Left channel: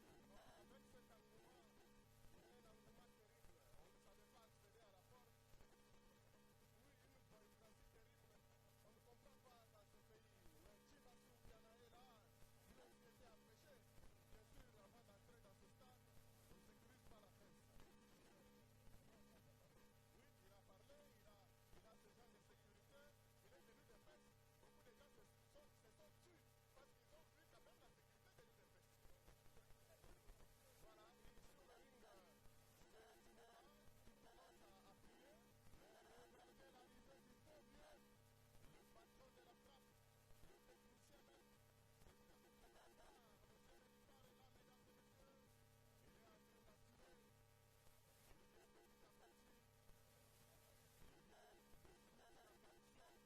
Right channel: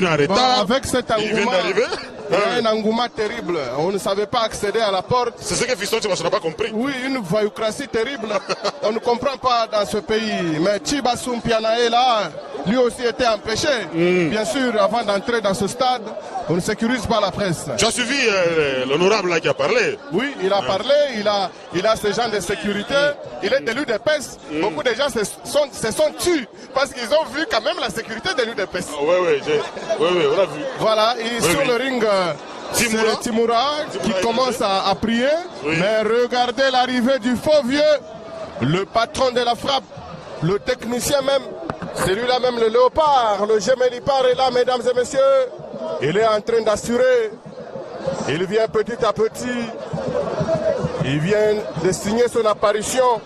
venu en retard. Avec cet il vient engouement, d'arriver. un engouement terrible. On ne savait pas accéder à la porte. C'est ce que Fiston Tibassa n'a pas compris. Oui, une voyoucratie terrible. On ne comprend pas dans ce pays. Mais Tibassoum Pianae, là, lui aussi était empêché. Bien sûr, avant d'entrer dans ce stade, on ne sécurise pas la presse. Tu as suivi l'honorable là qui a parlé? Oui, il a parlé, il a ce genre de sécurité, il est de l'UDPS. Beaucoup de gens se sont tués parce qu'ils ont vu quand même la sécurité de l'UDPS. Oui, on l'a vu. Voilà, et sur le ring, c'est Timoura qui commence à prier. Mais regardez l'arrivée du faux vieux, le patron de la frappe, le technicien même, celui-là même, le léopard, le Gemélipard est là, mesdames et messieurs. Il est en train d'assurer. Il vient petit à petit. Il vient de signer son apparition.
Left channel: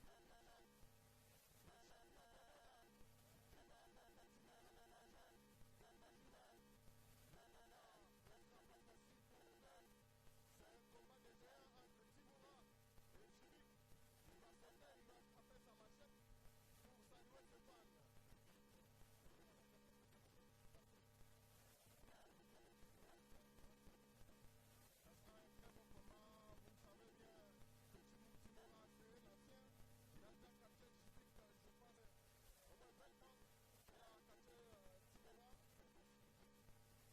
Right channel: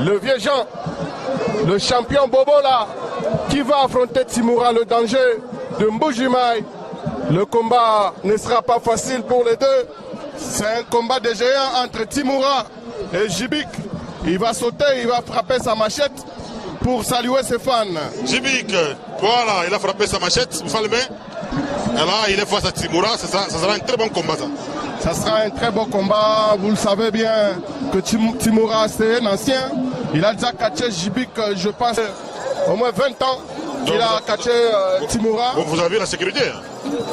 Le vieux Jean, le champion Bobola, qui va affronter Timoura, le danger de Mbujimaï. Le combat ne sera pas facile pour les deux. C'est un combat de géants entre Timoura et Jibik. Il va sauter, il va frapper sa machette pour saluer ses fans. Jibik, voilà, il a frappé sa machette, vous le main. Et là, il est face à Timoura, ça sera un très bon combat ça. Ça sera un très beau combat. Vous le savez bien que Timoura, c'est un ancien. Il a déjà catché Jibik, je pense, au moins 20 ans qu'il a catché Timoura. Bon, vous avez vu la sécurité?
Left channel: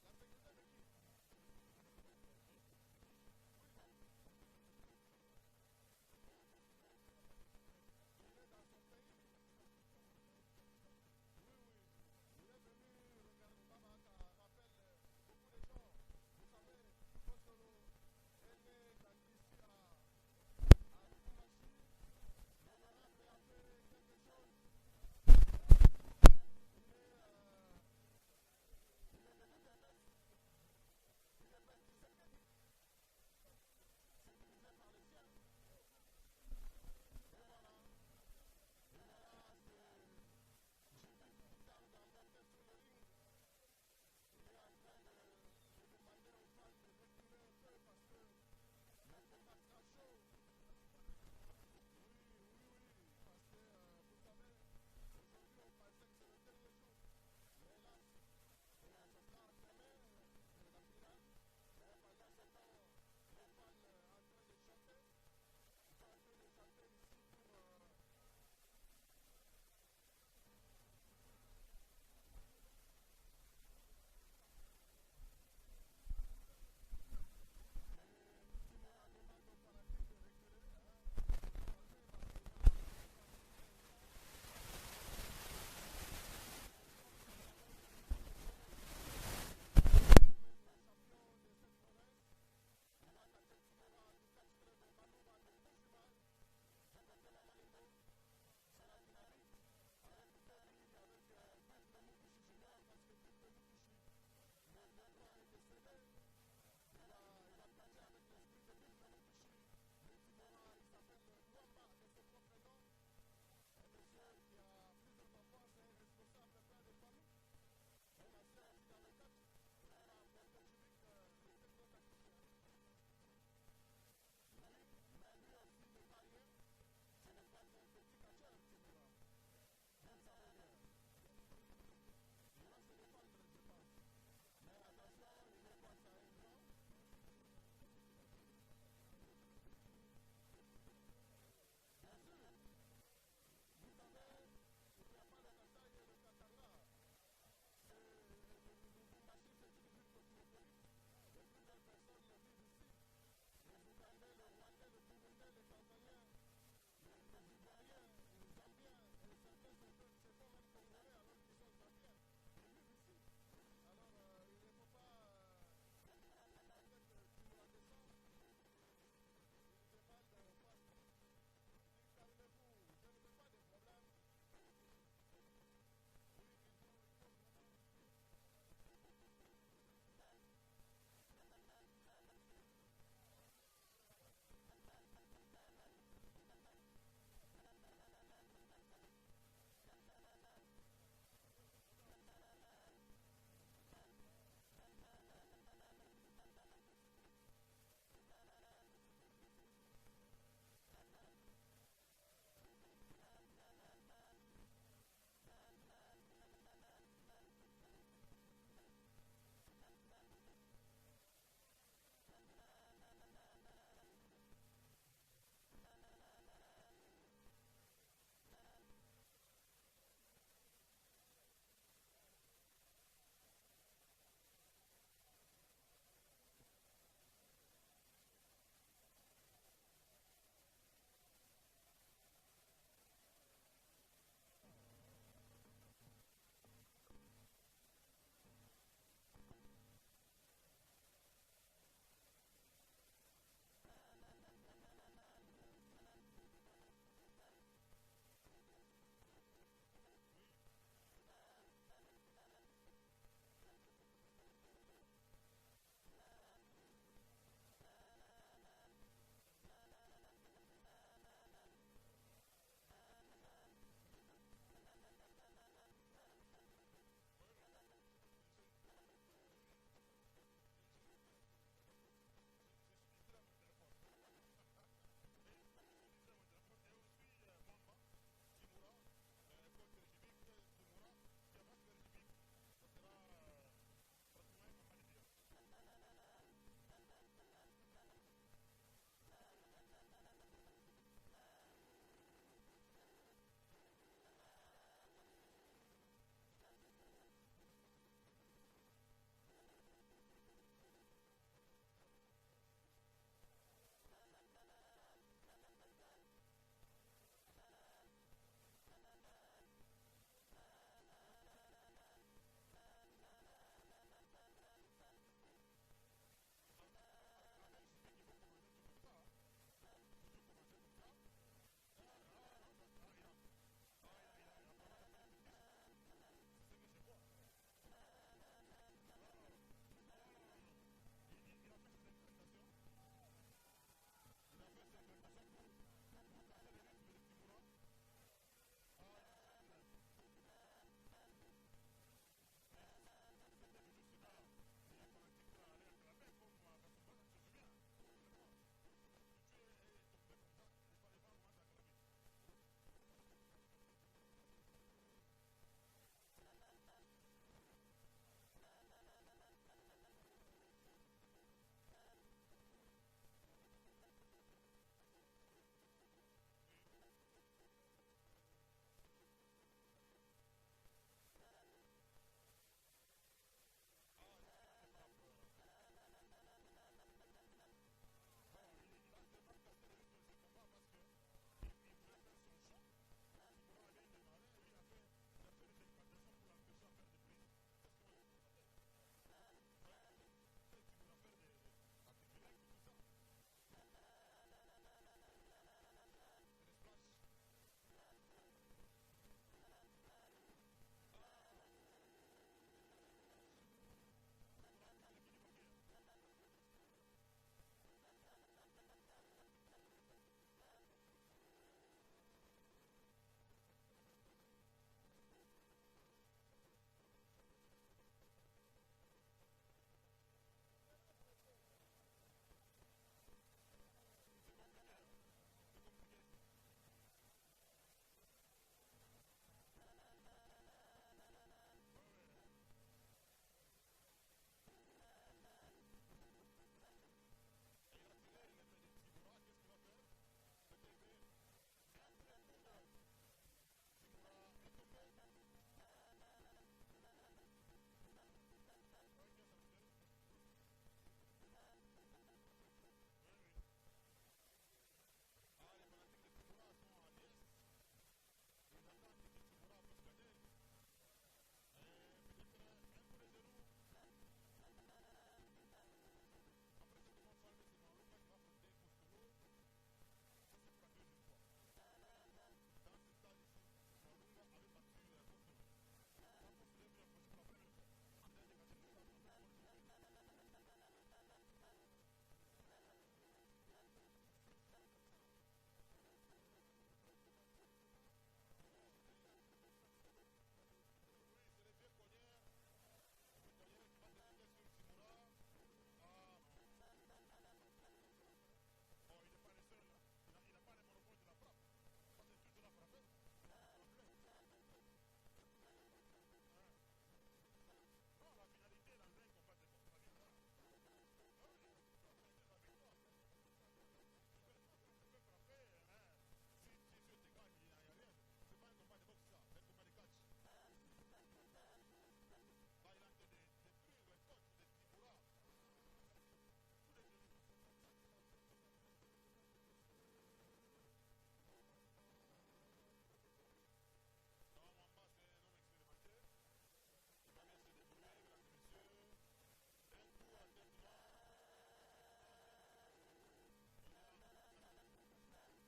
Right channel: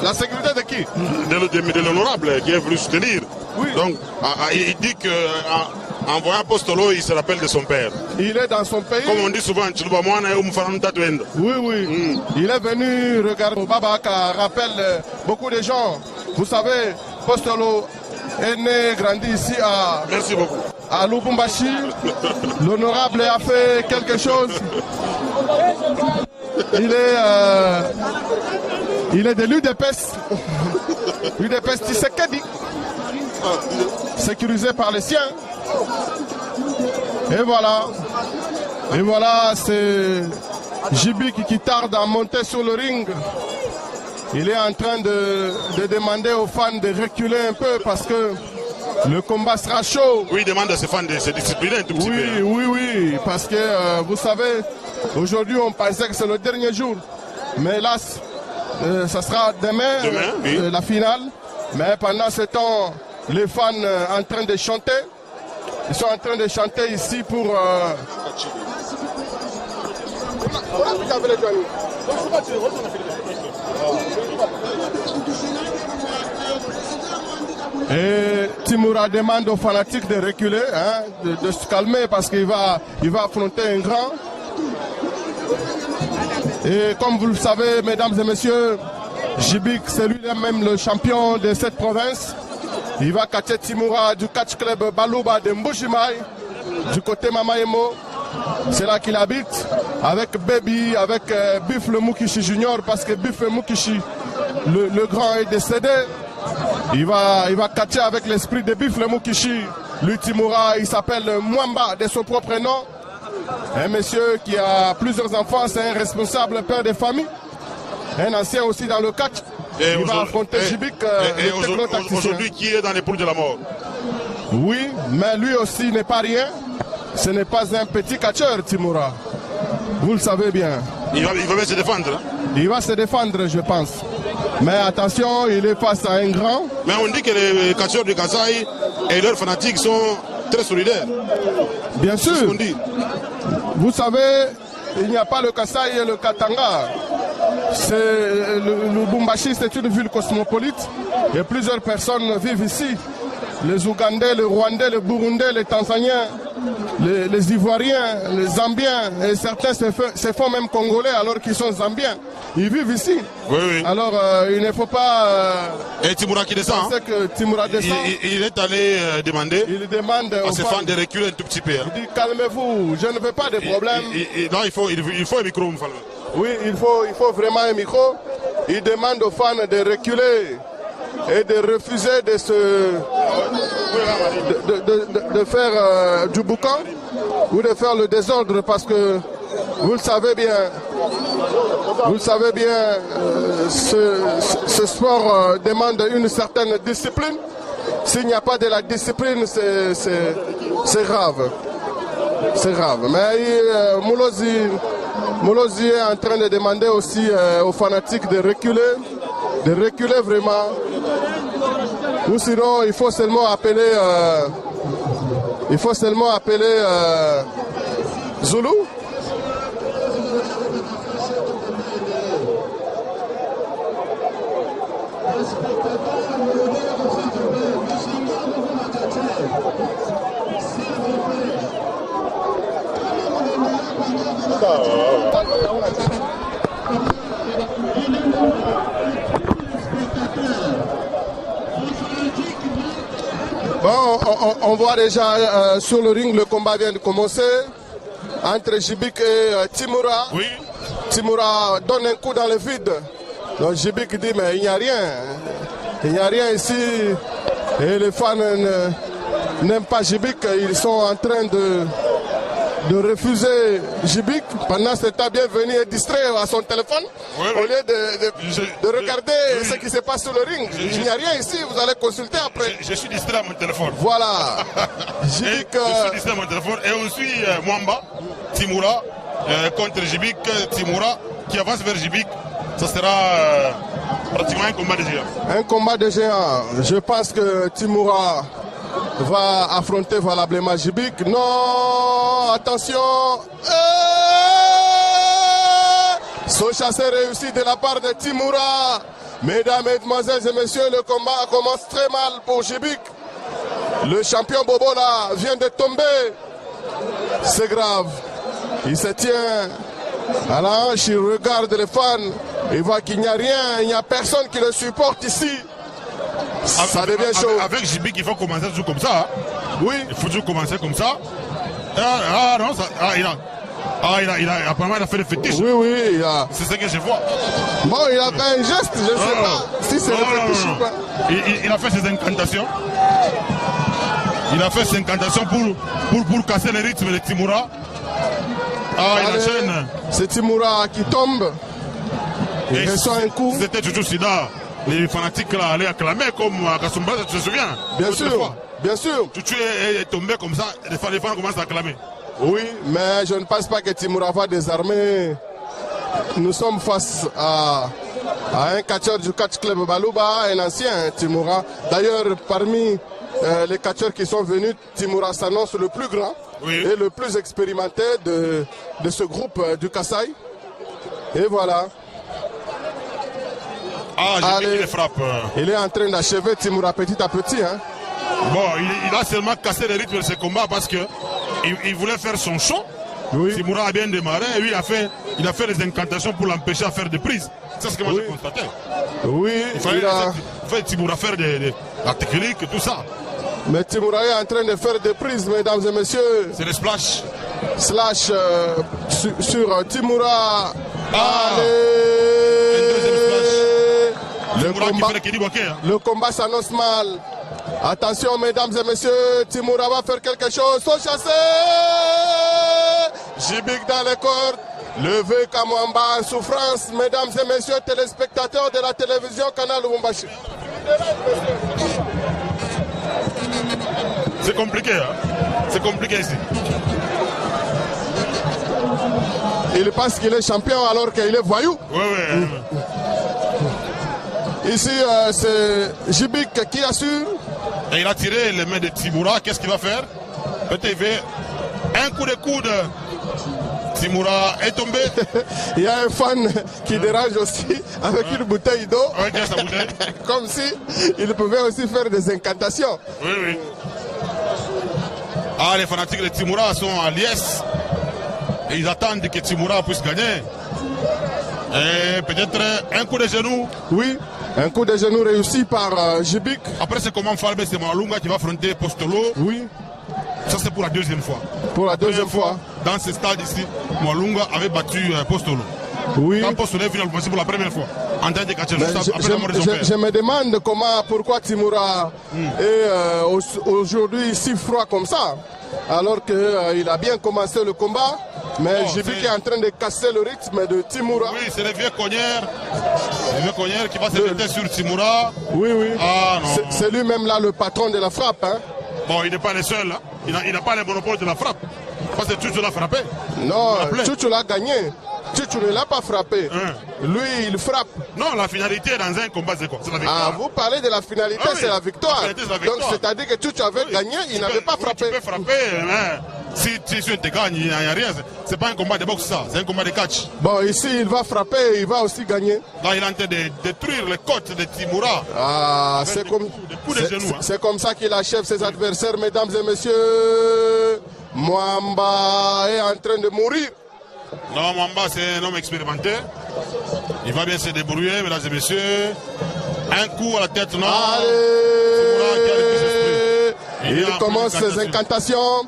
La sécurité de qui? De l'honorable qui est venu soutenir. Oui. Donc, il dit qu'en voyant Apostolo, il se rappelle de son père. Il est dans son pays. Comme on dit souvent, oui. Il est venu regarder Babaka, rappelle beaucoup de gens. Vous savez, Apostolo est né, grandi ici à... Merci beaucoup. À Lubumbashi. L'honorable a fait quelque chose. Il est de l'UDPS. UDPS Tshisekedi. Sécurisé par les siens. Et voilà, c'est Jibik qui tarde à monter sur le ring. Il est en train de demander aux fans de reculer un peu parce que le combat sera chaud. Oui, il demande à ses fans de se discipliner un tout petit peu. Oui, parce que vous savez, aujourd'hui on pensait que c'est le dernier jour. Mais hélas, ça sera demain, la finale. Mais pendant ce temps, les fans en train de chanter. Ils sont en train de chanter ici pour... Et Timoura demande aux fanatiques de reculer, hein, de se calmer parce qu'il va affronter un grand. Et comme vous le savez, mesdames et messieurs, Jibik, c'est lui-même le champion de cette province. Il va catcher Timoura du catch club Balouba de Mbujimaï, du côté Mamaemo. C'est là qu'il habite, avec Baby, avec Buffle Mukishi Junior, parce que Buffle Mukishi, le grand, est décédé. Il va catcher avec l'esprit de Buffle Mukishi. Lui, Timoura, il s'appelle Mwamba, de son propre nom. Un monsieur qui a plusieurs enfants, c'est un responsable père de famille. Un ancien aussi dans le catch. Il va affronter Jibik, le techno-tacticien. Aujourd'hui, qui est dans les poules de la mort? Oui, mais lui aussi n'est pas rien. Ce n'est pas un petit catcheur, Timoura. Vous le savez bien. Il va bien se défendre. Hein? Il va se défendre, je pense. Mais attention, il est face à un grand. Mais on dit que les catcheurs du Kasaï et leurs fanatiques sont très solidaires. Bien sûr. C'est ce qu'on dit. Vous savez, il n'y a pas le Kasaï et le Katanga. Le Lubumbashi, c'est une ville cosmopolite. Et plusieurs personnes vivent ici. Les Ougandais, les Rwandais, les Burundais, les Tanzaniens, les Ivoiriens, les Zambiens, et certains se font même Congolais alors qu'ils sont Zambiens. Ils vivent ici. Oui. Alors il ne faut pas... Et Timoura qui descend. Que Timoura descend. Il est allé demander à ses fans de reculer un tout petit peu. Hein. Il dit calmez-vous, je ne veux pas de problème. Non, il faut un micro. Oui, il faut vraiment un micro. Il demande aux fans de reculer et de refuser de faire du boucan ou de faire le désordre parce que vous le savez bien, ce sport demande une certaine discipline. S'il n'y a pas de la discipline, c'est grave. C'est grave. Mais Moulozi, Molozi est en train de demander aussi aux fanatiques de reculer vraiment. Ou sinon, il faut seulement appeler, Zulu. Bon, on voit déjà sur le ring, le combat vient de commencer entre Jibik et Timoura. Oui. Timoura donne un coup dans le vide. Donc Jibik dit mais il n'y a rien. Il n'y a rien ici. Et les fans n'aiment pas Jibik. Ils sont en train de refuser Jibik. Pendant ce temps, bienvenu et distrait à son téléphone. Oui, au lieu de regarder ce qui se passe sur le ring. Il n'y a rien ici, vous allez consulter après. Je suis distrait à mon téléphone. Voilà. Jibik, je suis distrait à mon téléphone. Et on suit Mwamba, Timoura, contre Jibik, Timoura, qui avance vers Jibik. Ça sera pratiquement un combat de géants. Un combat de géants. Je pense que Timoura va affronter valablement Jibik. Non, attention. Saut chassé réussi de la part de Timoura. Mesdames, mesdemoiselles et messieurs, le combat commence très mal pour Jibik. Le champion Bobo là vient de tomber. C'est grave. Il se tient à la hanche, il regarde les fans. Il voit qu'il n'y a rien, il n'y a personne qui le supporte ici. Ça devient chaud. Avec Jibik, il faut commencer toujours comme ça. Hein. Oui. Il faut toujours commencer comme ça. Non, ça, apparemment, il a fait le fétiche. Oui. C'est ce que je vois. Bon, il a fait un geste, je ne sais pas si c'est le fétiche ou pas. Il a fait ses incantations. Il a fait ses incantations pour casser le rythme de Timoura. Il enchaîne. C'est Timoura qui tombe. Il reçoit un coup. C'était toujours Sida. Les fanatiques là allaient acclamer comme à Kasumba, tu te souviens? Bien sûr, bien sûr. Tu es tombé comme ça, les fans commencent à acclamer. Oui, mais je ne pense pas que Timoura va désarmer. Nous sommes face à un catcheur du catch club Balouba, un ancien Timoura. D'ailleurs, parmi les catcheurs qui sont venus, Timoura s'annonce le plus grand et le plus expérimenté de ce groupe du Kasaï. Et voilà. Il frappe. Il est en train d'achever Timoura petit à petit. Hein. Bon, il a seulement cassé le rythme de ce combat parce que il voulait faire son show. Oui. Timoura a bien démarré et lui il a fait des incantations pour l'empêcher à faire des prises. C'est ce que moi j'ai constaté. Oui. Il fallait Timoura faire la technique et tout ça. Mais Timoura est en train de faire des prises, mesdames et messieurs. C'est le splash. Slash sur Timoura. Le combat s'annonce mal. Attention, mesdames et messieurs, Timoura va faire quelque chose. Saut chassé. Jibik dans les cordes. Levé Kamwamba en souffrance. Mesdames et messieurs, téléspectateurs de la télévision Canal Lubumbashi. C'est compliqué, hein? C'est compliqué ici. Il pense qu'il est champion alors qu'il est voyou. Oui. Ici, c'est Jibik qui assure. Et il a tiré les mains de Timoura. Qu'est-ce qu'il va faire? Peut-être un coup de coude. Timoura est tombé. Il y a un fan qui dérange aussi avec une bouteille d'eau. Oui, sa bouteille. Comme si il pouvait aussi faire des incantations. Oui. Les fanatiques de Timoura sont en liesse. Et ils attendent que Timoura puisse gagner. Et peut-être un coup de genou. Oui, un coup de genou réussi par Jibik. Après, c'est comment Falbe, c'est Mwalunga qui va affronter Postolo. Oui. Ça, c'est pour la deuxième fois. Pour la deuxième fois. Dans ce stade ici, Mwalunga avait battu Postolo. Oui. Quand Postolo est finalement pour la première fois. En tant que catcheur, après la mort de son père. Je me demande pourquoi Timoura est aujourd'hui si froid comme ça. Alors qu'il a bien commencé le combat. Mais Jibik est en train de casser le rythme de Timoura. Oui, c'est le vieux cogneur. Le vieux cogneur qui va se jeter sur Timoura. Oui. Non. C'est lui-même là le patron de la frappe. Hein. Bon, il n'est pas le seul. Hein. Il n'a pas le monopole de la frappe. Parce que Tchouchou l'a frappé. Non, Tchouchou l'a gagné. Tu ne l'as pas frappé. Lui, il frappe. Non, la finalité dans un combat, c'est quoi? C'est la victoire. Ah, vous parlez de la finalité, c'est la victoire. Donc, c'est-à-dire que tu avais gagné, il n'avait pas frappé. Tu peux frapper, mais si tu te gagnes, il n'y a rien. C'est pas un combat de boxe, ça. C'est un combat de catch. Bon, ici, il va frapper, il va aussi gagner. Là, il est en train de détruire les côtes de Timoura. Ah, c'est comme ça qu'il achève ses adversaires, mesdames et messieurs. Mwamba est en train de mourir. Non, Mwamba, c'est un homme expérimenté. Il va bien se débrouiller, mesdames et messieurs. Un coup à la tête, non. Il commence ses incantations.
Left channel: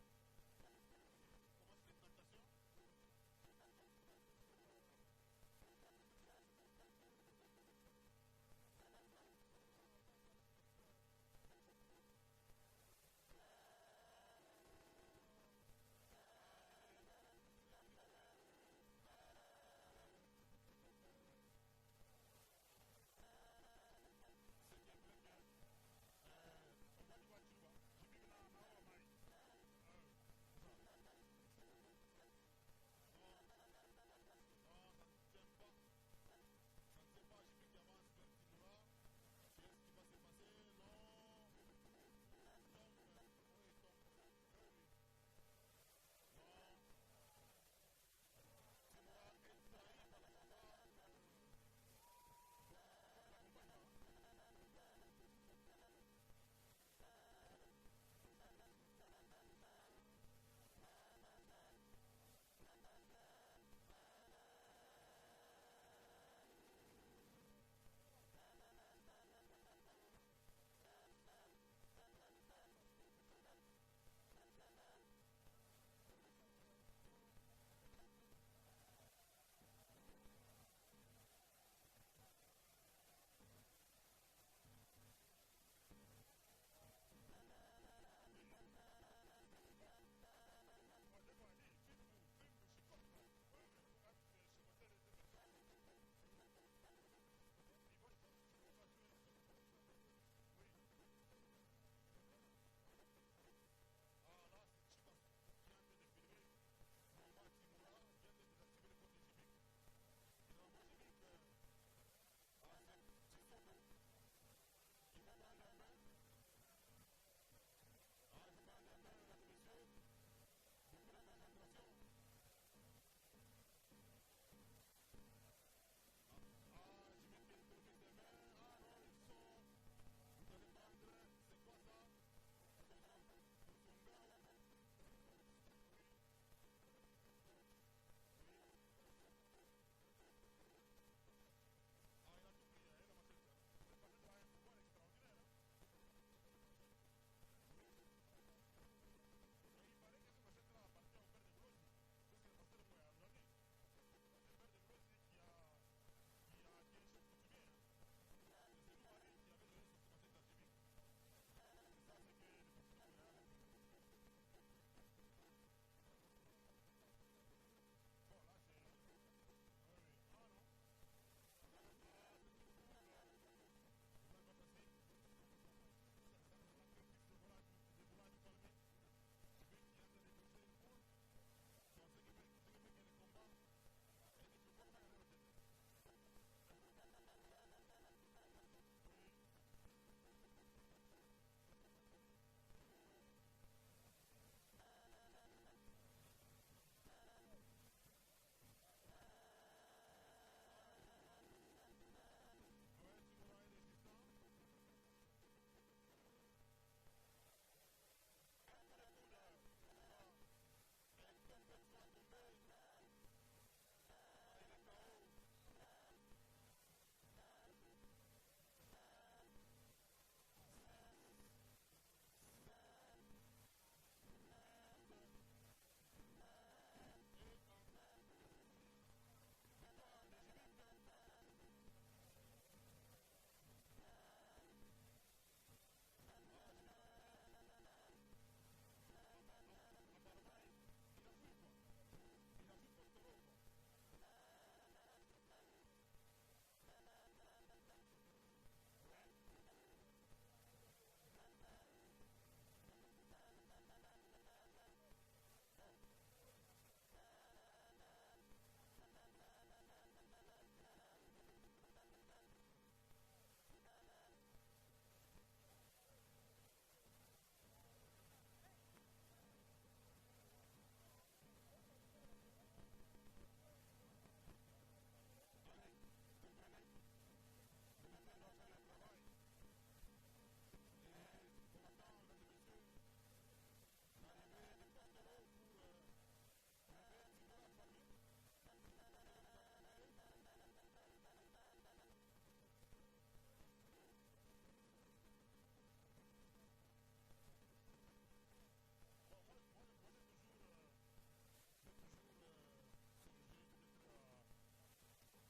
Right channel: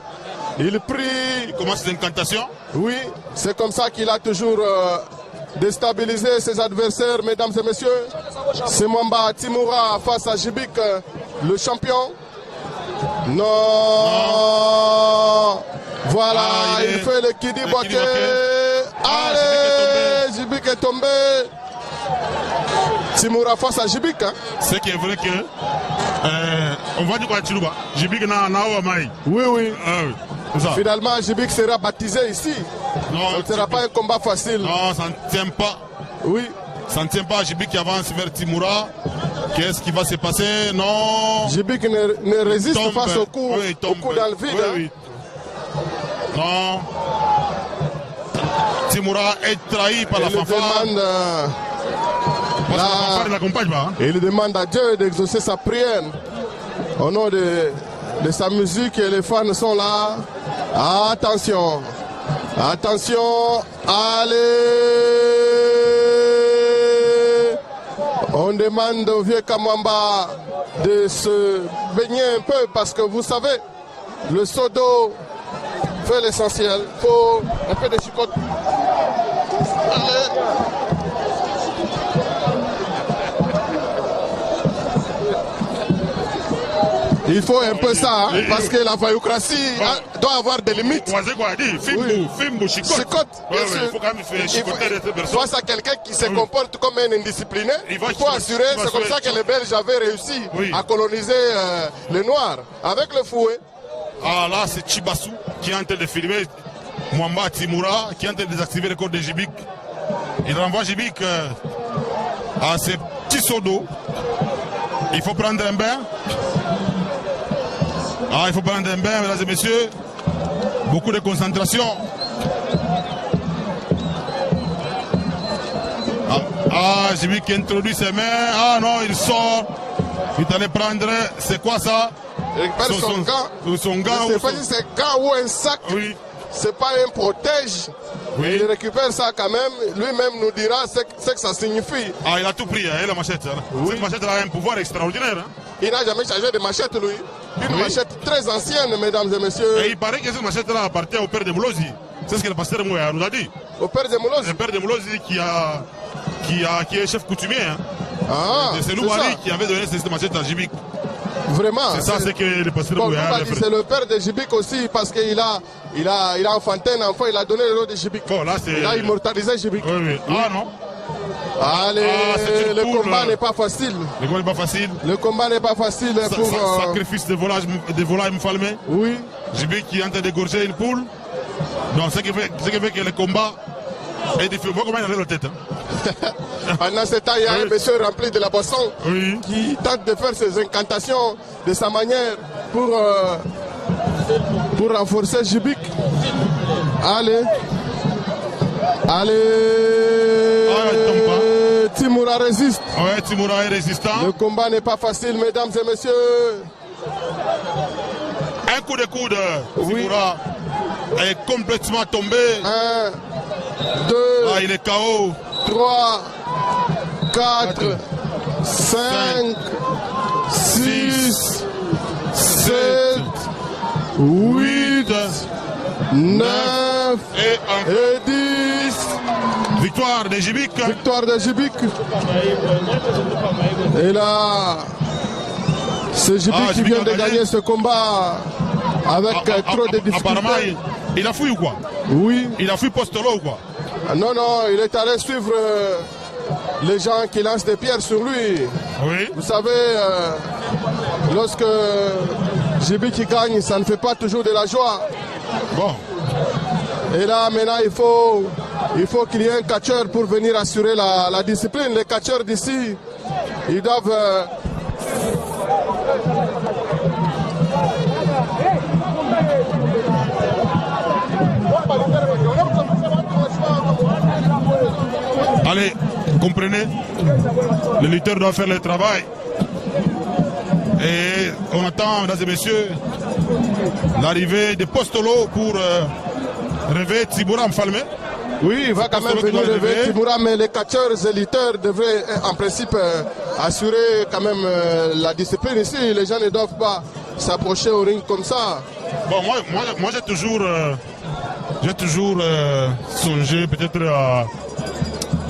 Il prie. Il commence ses incantations. Oui, c'est comme ça qu'il a toujours déstabilisé ses adversaires, mesdames et messieurs. C'est Mwamba Timoura face à Djibik, le champion. Non. Voilà, il fait le Kidi Boké. Allez, Djibik est tombé. Timoura face à Djibik. Hein. C'est qui est vrai que on va dire quoi Chiluba. Djibik n'a pas maï. Oui, oui. Ça. Finalement, Djibik sera baptisé ici. Non, ce ne sera pas un combat facile. Non, ça ne tient pas. Oui. Ça ne tient pas. Djibik qui avance vers Timoura. Qu'est-ce qui va se passer? Non. Djibik ne résiste face au coup, dans le vide. Oui. Non. Timoura est trahi par la fanfare. Il demande à Dieu d'exaucer sa prière. Au nom de sa musique, et les fans sont là. Attention. Attention. Allez. On demande au vieux Kamwamba de se baigner un peu parce que vous savez, le seau d'eau fait l'essentiel. Il faut un peu de chicotte. Allez. Il faut un peu ça, hein, parce que la vaillocratie doit avoir des limites. Chicotte. Il faut face à quelqu'un qui se comporte comme un indiscipliné. Il faut assurer, c'est comme ça que les Belges avaient réussi à coloniser les Noirs, avec le fouet. Ah là, c'est Chibassou qui est en train de filmer Mwamba Timoura, qui est en train de désactiver le code de Djibik. Il renvoie Djibik à ses petits seaux d'eau. Il faut prendre un bain. Ah, il faut prendre un bain, mesdames et messieurs. Beaucoup de concentration. Djibik qui introduit ses mains. Ah non, il sort. Il allait prendre. C'est quoi ça? Il récupère son gant. Son gant. Je ne sais pas si c'est un gant ou un sac. Oui. C'est pas un protège. Oui. Il récupère ça quand même. Lui-même nous dira ce que ça signifie. Ah, il a tout pris, hein, la machette. Hein. Oui. Cette machette a un pouvoir extraordinaire. Hein. Il n'a jamais changé de machette, lui. Une machette très ancienne, mesdames et messieurs. Et il paraît que cette machette-là appartient au père de Moulozi. C'est ce que le pasteur Mouya nous a dit. Au père de Moulozi? Le père de Moulozi qui est chef coutumier. Hein. Ah, c'est Louari qui avait donné cette machette à Djibik. Vraiment. C'est ça, c'est que le pasteur Mouya a fait. C'est le père de Djibik aussi, parce qu'il a enfanté un enfant, il a donné le nom de Djibik. Bon, là, il a immortalisé Djibik. Oui. Ah non. Allez, le combat n'est pas facile. Le combat n'est pas facile. Le combat n'est pas facile pour... Sacrifice de volailles Mfalmé. Oui. Djibik qui est en train d'égorger une poule. Donc, ce qui fait que le combat est difficile. Vous voyez comment il a la tête. Hein? Pendant ce temps, il y a un monsieur rempli de la boisson qui tente de faire ses incantations de sa manière pour renforcer Djibik. Allez. Timoura résiste. Ouais, Timoura est résistant. Le combat n'est pas facile, mesdames et messieurs. Un coup de coude. Timoura est complètement tombé. 1, 2, il est KO. 3, 4, 5, 6, 7, 8, 9 et 10. Victoire de Djibik. Victoire de Djibik. Et là, c'est Djibik qui vient de gagner ce combat avec trop de difficultés. Apparemment, il a fui ou quoi? Oui. Il a fui Postolo ou quoi? Non, il est allé suivre les gens qui lancent des pierres sur lui. Oui. Vous savez, lorsque Djibik gagne, ça ne fait pas toujours de la joie. Bon. Et là, maintenant, il faut Il faut qu'il y ait un catcheur pour venir assurer la discipline. Les catcheurs d'ici, ils doivent... Allez, comprenez, le lutteur doit faire le travail. Et on attend, mesdames et messieurs, l'arrivée de Postolo pour réveiller Tibura Mfalme. Oui, il va quand même venir réveiller Tibura, mais les catcheurs et lutteurs devraient en principe assurer quand même la discipline ici. Les gens ne doivent pas s'approcher au ring comme ça. Bon, moi j'ai toujours songé peut-être à...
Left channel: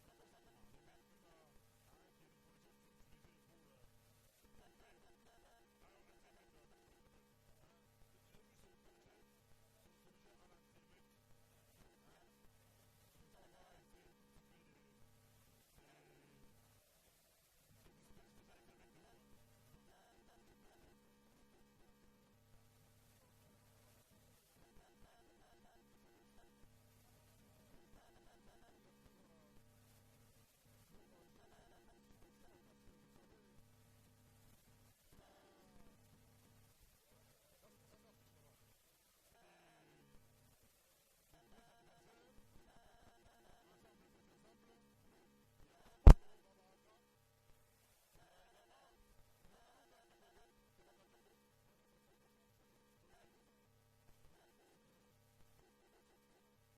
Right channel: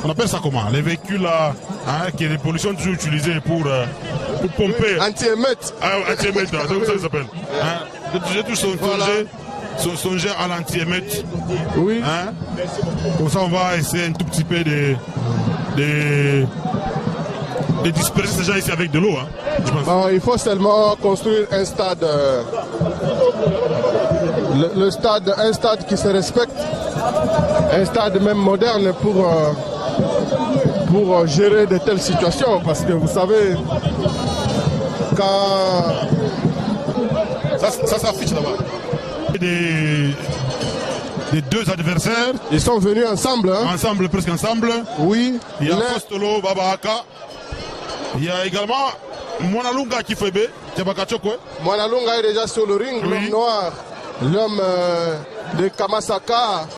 On appelle ça comment? Les véhicules là, hein, qui est des pollutions toujours utilisées pour pomper. Anti-émeute. Anti-émeute, c'est comme ça que ça s'appelle. Hein? J'ai toujours songé à l'anti-émeute. Oui. Hein? Comme ça, on va essayer un tout petit peu de disperser ces gens ici avec de l'eau. Hein, je pense. Bon, il faut seulement construire un stade. Un stade qui se respecte. Un stade même moderne pour gérer de telles situations, parce que vous savez, quand... Ça s'affiche là-bas. Des deux adversaires. Ils sont venus ensemble. Hein? Ensemble, presque ensemble. Oui. Il y a Postolo, Babaka. Il y a également Mwanalunga Kifebe. Mwanalunga est déjà sur le ring, l'homme noir, l'homme de Kamasaka.